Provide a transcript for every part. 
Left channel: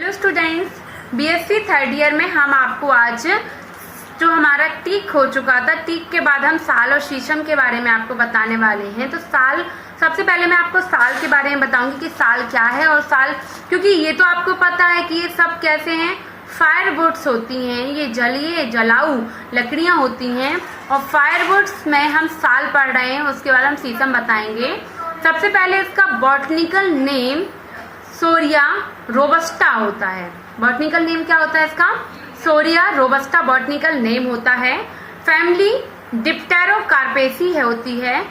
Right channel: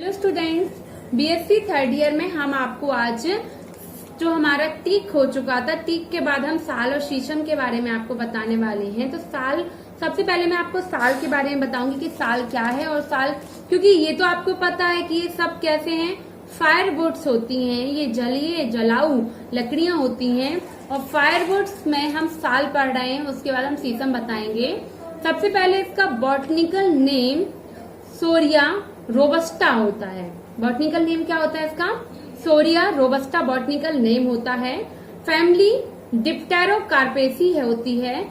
Hello students, BSc third year में हम आपको आज जो हमारा टीक हो चुका था, टीक के बाद हम साल और शीशम के बारे में आपको बताने वाले हैं। तो साल, सबसे पहले मैं आपको साल के बारे में बताऊंगी कि साल क्या है। और साल, क्योंकि ये तो आपको पता है कि ये सब कैसे हैं, फायरवुड्स होती हैं, ये जलीय जलाऊ लकड़ियां होती हैं। और फायरवुड्स में हम साल पढ़ रहे हैं, उसके बाद हम शीशम बताएंगे। सबसे पहले इसका बॉटनिकल नेम सोरिया रोबस्टा होता है। बॉटनिकल नेम क्या होता है इसका? सोरिया रोबस्टा बॉटनिकल नेम होता है। फैमिली डिप्टेरोकार्पेसी है होती है।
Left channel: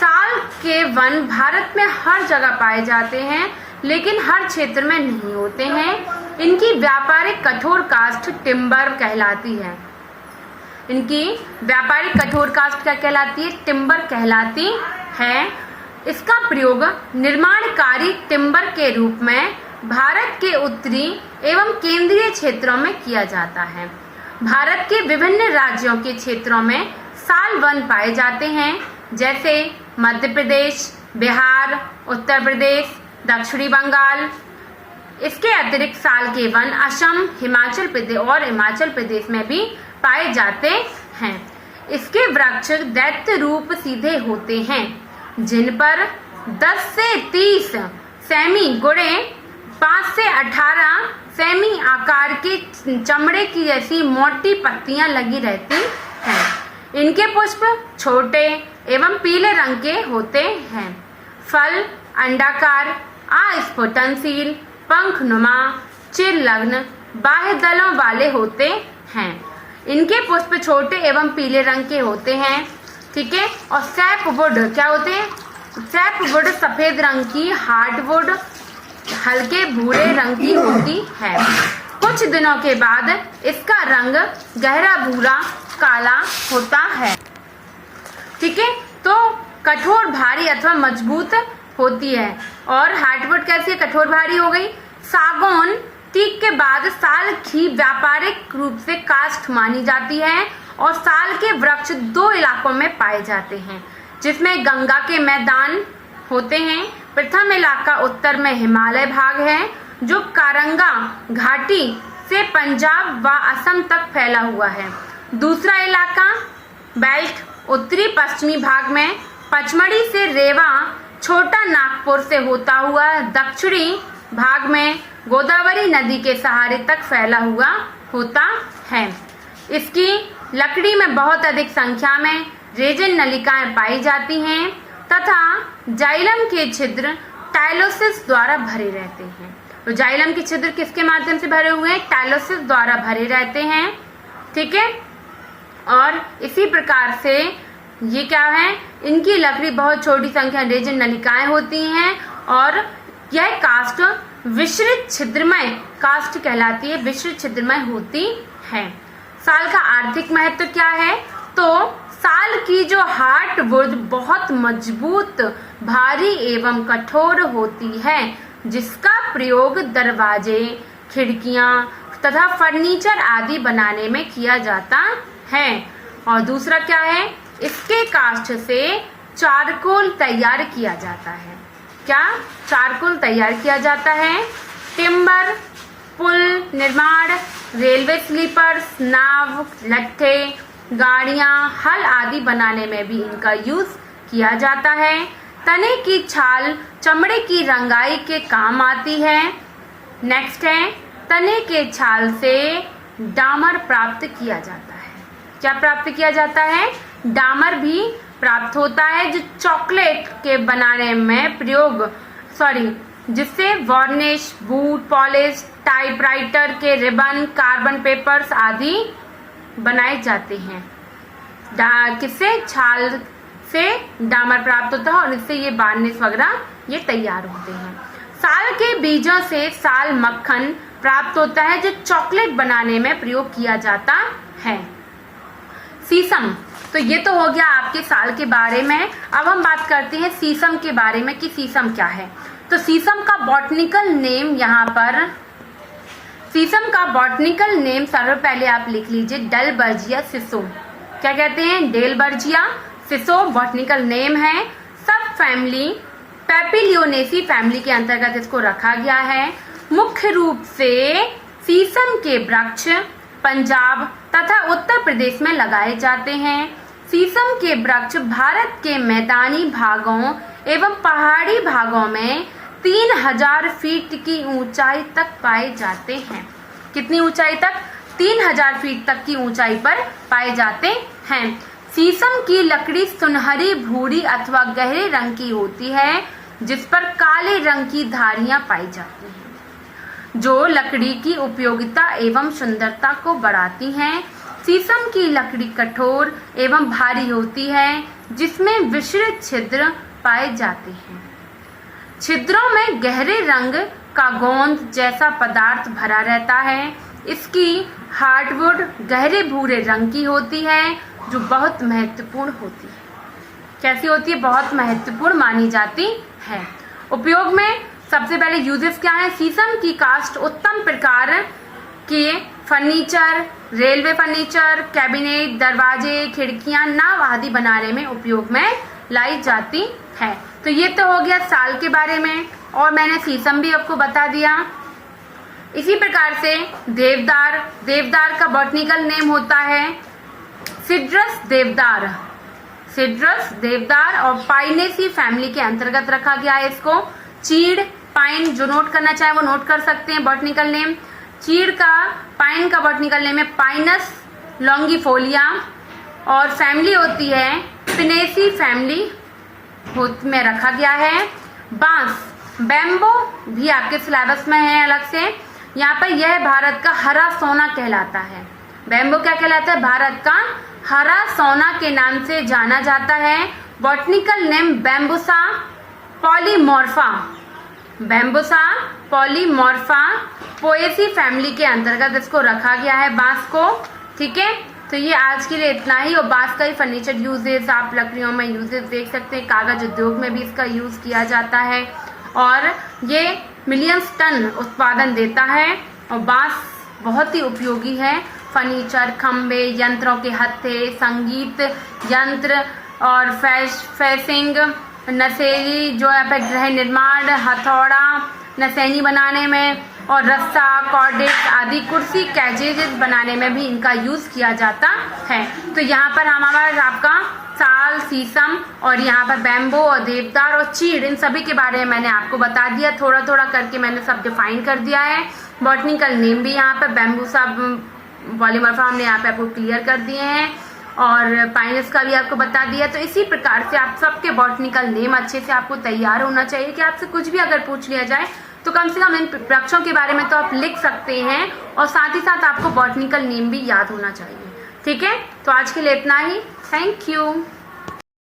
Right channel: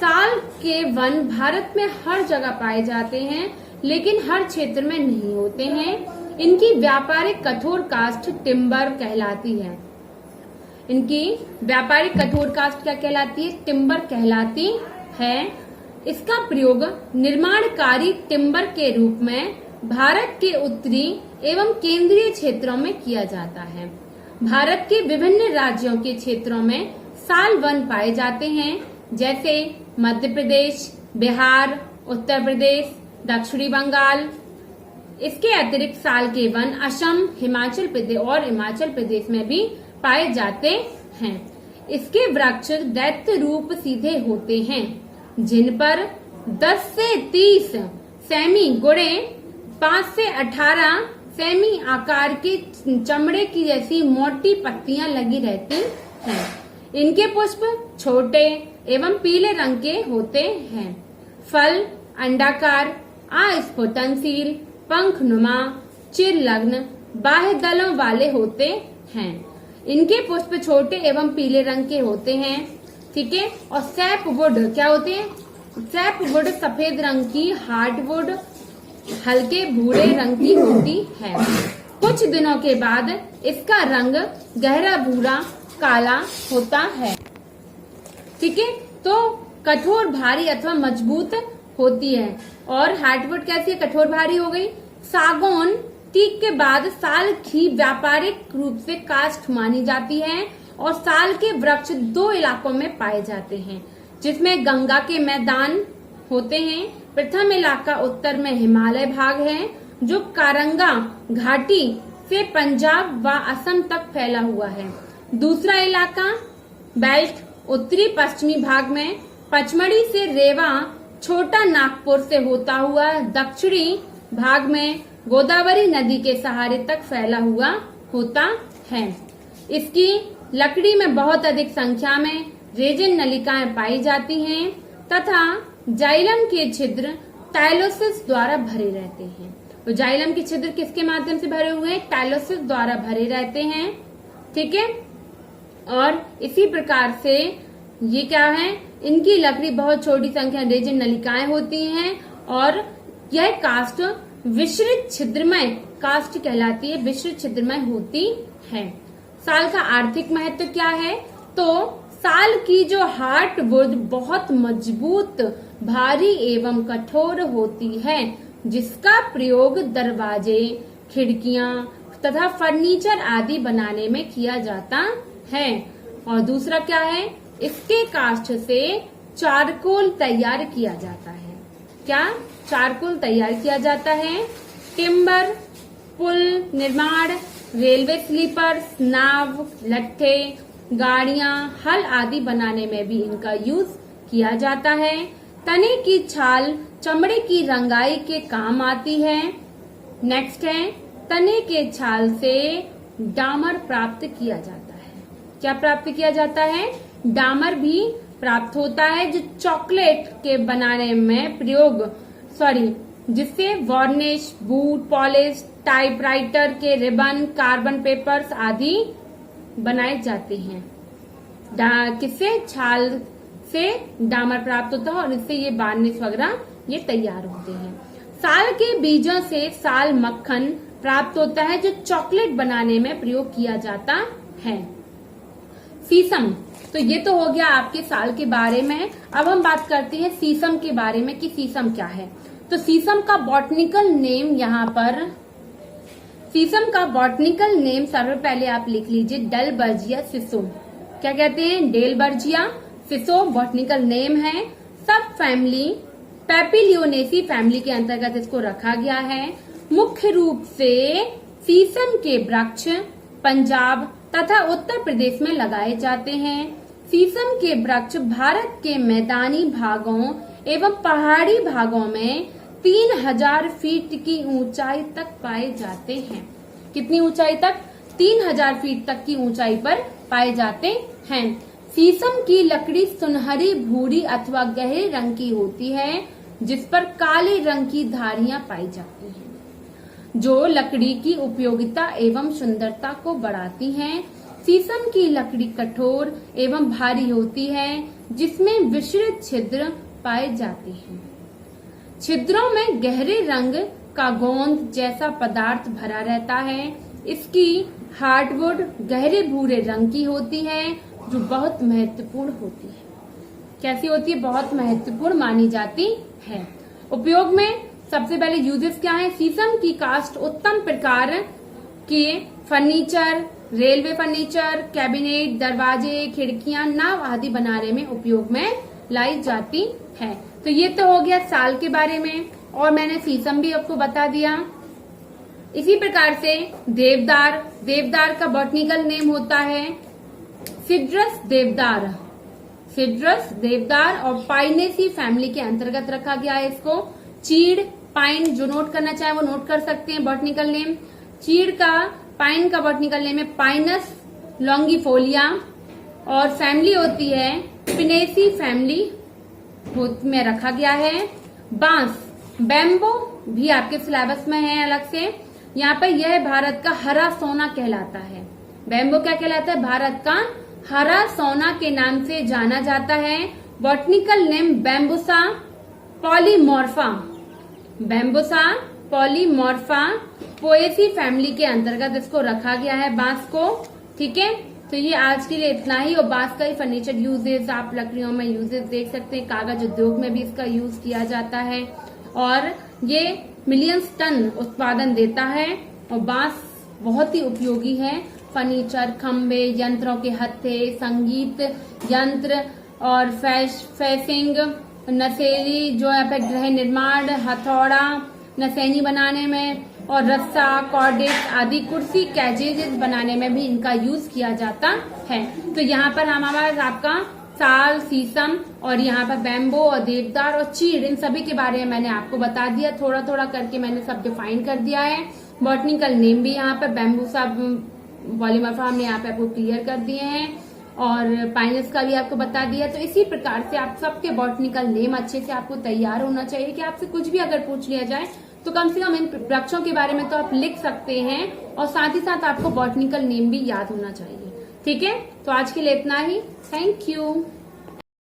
साल के वन भारत में हर जगह पाए जाते हैं, लेकिन हर क्षेत्र में नहीं होते हैं। इनकी व्यापारिक कठोर काष्ठ टिम्बर कहलाती है। इनकी व्यापारिक कठोर काष्ठ क्या कहलाती है? टिम्बर कहलाती है। इसका प्रयोग निर्माणकारी टिम्बर के रूप में भारत के उत्तरी एवं केंद्रीय क्षेत्रों में किया जाता है। भारत के विभिन्न राज्यों के क्षेत्रों में साल वन पाए जाते हैं, जैसे मध्य प्रदेश, बिहार, उत्तर प्रदेश, दक्षिणी बंगाल। इसके अतिरिक्त साल के वन असम, हिमाचल प्रदेश में भी पाए जाते हैं। इसके वृक्ष दैत्य रूप सीधे होते हैं, जिन पर 10 से 30 सेमी गुणे 5 से 18 सेमी आकार के चमड़े की जैसी मोटी पत्तियां लगी रहती हैं। इनके पुष्प छोटे एवं पीले रंग के होते हैं। फल अंडाकार, अस्फुटनशील, पंखनुमा, चिरलग्न, बाह्य दलों वाले होते हैं। इनके पुष्प छोटे एवं पीले रंग के होते हैं, ठीक है। और सैपवुड क्या होते हैं? सैपवुड सफेद रंग की, हार्डवुड हल्के भूरे रंग की होती है। कुछ दिनों के बाद इसका रंग गहरा भूरा काला होता है, ठीक है। तो कठोर, भारी अथवा मजबूत होती है। और हार्डवुड कैसी है? कठोर भारी हो गई। सागौन टीक के बाद साल की व्यापारिक रूप से काष्ठ मानी जाती है। और साल के वृक्ष 2 इलाकों में पाए जाते हैं, जिसमें गंगा के मैदान होते हैं। प्रथम इलाका उत्तर में हिमालय भाग है, जो कारंगा घाटी से पंजाब व असम तक फैला हुआ है। दूसरा इलाका बेल्ट उत्तरी पश्चिमी भाग में पचमढ़ी से रेवा, छोटा नागपुर से होता हुआ दक्षिणी भाग में गोदावरी नदी के सहारे तक फैला हुआ होता है। इसकी लकड़ी में बहुत अधिक संख्या में रेजिन नलिकाएं पाई जाती हैं तथा जाइलम के छिद्र टाइलोसिस द्वारा भरे रहते हैं। तो जाइलम के छिद्र किसके माध्यम से भरे हुए हैं? टाइलोसिस द्वारा भरे रहते हैं, ठीक है। और इसी प्रकार से ये क्या है, इनकी लकड़ी बहुत छोटी संख्या रेजिन नलिकाएं होती हैं। और यह काष्ठ विश्रित छिद्रमय काष्ठ कहलाती है, विश्रित छिद्रमय होती है। साल का आर्थिक महत्व क्या है? तो साल की जो हार्डवुड बहुत मजबूत, भारी एवं कठोर होती है, जिसका प्रयोग दरवाजे, खिड़कियां तथा फर्नीचर आदि बनाने में किया जाता है। और दूसरा क्या है? इसके काष्ठ से चारकोल तैयार किया जाता है। क्या? चारकोल तैयार किया जाता है। टिम्बर, पुल निर्माण, रेलवे स्लीपर्स, नाव, लट्ठे, गाड़ियां, हल आदि बनाने में भी इनका यूज किया जाता है। तने की छाल चमड़े की रंगाई के काम आती है। नेक्स्ट है, तने के छाल से डामर प्राप्त किया जाता है। क्या प्राप्त किया जाता है? डामर भी प्राप्त होता है, जो चॉकलेट के बनाने में प्रयोग, जिससे वार्निश, बूट पॉलिश, टाइपराइटर के रिबन, कार्बन पेपर्स आदि बनाए जाते हैं। किससे? छाल से डामर प्राप्त होता है और इससे ये वार्निश वगैरह ये तैयार होते हैं। साल के बीजों से साल मक्खन प्राप्त होता है, जो चॉकलेट बनाने में प्रयोग किया जाता है। शीशम, तो ये तो हो गया आपके साल के बारे में। अब हम बात करते हैं शीशम के बारे में कि शीशम क्या है। तो शीशम का बॉटनिकल नेम, यहाँ पर शीशम का बॉटनिकल नेम सर्व पहले आप लिख लीजिए, डेलबर्जिया सिसो। क्या कहते हैं? डेलबर्जिया सिसो बॉटनिकल नेम है। सब फैमिली पेपिलियोनेसी फैमिली के अंतर्गत इसको रखा गया है। मुख्य रूप से शीशम के वृक्ष पंजाब तथा उत्तर प्रदेश में लगाए जाते हैं। शीशम के वृक्ष भारत के मैदानी भागों एवं पहाड़ी भागों में 3000 फीट की ऊंचाई तक पाए जाते हैं। कितनी ऊंचाई तक? 3000 फीट तक की ऊंचाई पर पाए जाते हैं। शीशम की लकड़ी सुनहरी भूरी अथवा गहरे रंग की होती है, जिस पर काले रंग की धारियां पाई जाती हैं, जो लकड़ी की उपयोगिता एवं सुंदरता को बढ़ाती हैं। शीशम की लकड़ी कठोर एवं भारी होती है, जिसमें विस्तृत छिद्र पाए जाते हैं। छिद्रों में गहरे रंग का गोंद जैसा पदार्थ भरा रहता है। इसकी हार्डवुड गहरे भूरे रंग की होती है, जो बहुत महत्वपूर्ण होती है। कैसी होती है? बहुत महत्वपूर्ण मानी जाती है। उपयोग में सबसे पहले यूजेस क्या है? शीशम की कास्ट उत्तम प्रकार के फर्नीचर, रेलवे फर्नीचर, कैबिनेट, दरवाजे, खिड़कियां, नाव आदि बनाने में उपयोग में लाई जाती है। तो ये तो हो गया साल के बारे में, और मैंने शीशम भी आपको बता दिया। इसी प्रकार से देवदार, देवदार का बॉटनिकल नेम होता है सिड्रस देवदार, सिड्रस देवदार, और पाइनेसी फैमिली के अंतर्गत रखा गया है इसको। चीड़, पाइन, जो नोट करना चाहे वो नोट कर सकते हैं बॉटनिकल नेम। चीड़ का, पाइन का बॉटनिकल नेम है पाइनस लॉन्गिफोलिया, और फैमिली होती है पिनेसी फैमिली में रखा गया है। बांस, बैम्बो भी आपके सिलेबस में है अलग से। यहाँ पर यह भारत का हरा सोना कहलाता है। बैम्बो क्या कहलाता है? भारत का हरा सोना के नाम से जाना जाता है। Botanical name Bambusa polymorpha, Bambusa polymorpha, Poaceae family के अंतर्गत इसको रखा गया है बांस को। ठीक है, तो ये आज के लिए इतना ही। और बांस का ही फर्नीचर यूजेस आप लकड़ियों में यूजेस देख सकते हैं। कागज उद्योग में भी इसका यूज किया जाता है, और ये मिलियंस टन उत्पादन देता है। और बांस बहुत ही उपयोगी है। फर्नीचर, खंबे, यंत्रों के हत्थे, संगीत यंत्र, और फेसिंग, नसेरी जो है पे गृह निर्माण, हथौड़ा, नसैनी बनाने में, और रस्सा, कॉर्डेट आदि कुर्सी, कैजेज बनाने में भी इनका यूज किया जाता है। तो यहाँ पर हमारा आपका साल, शीशम, और यहाँ पर बैम्बो और देवदार और चीड़, इन सभी के बारे में मैंने आपको बता दिया। थोड़ा थोड़ा करके मैंने सब डिफाइन कर दिया है। बॉटनिकल नेम भी यहाँ पर बैम्बूसा पॉलीमॉर्फा हमने यहाँ पे आपको क्लियर कर दिए हैं, और पाइनस का भी आपको बता दिया। तो इसी प्रकार से आप सबके बॉटनिकल नेम अच्छे से आपको तैयार होना चाहिए कि आपसे कुछ भी अगर पूछ लिया जाए तो कम से कम इन वृक्षों के बारे में तो आप लिख सकते हैं, और साथ ही साथ आपको बॉटनिकल नेम भी याद होना चाहिए। ठीक है, तो आज के लिए इतना ही। Thank you.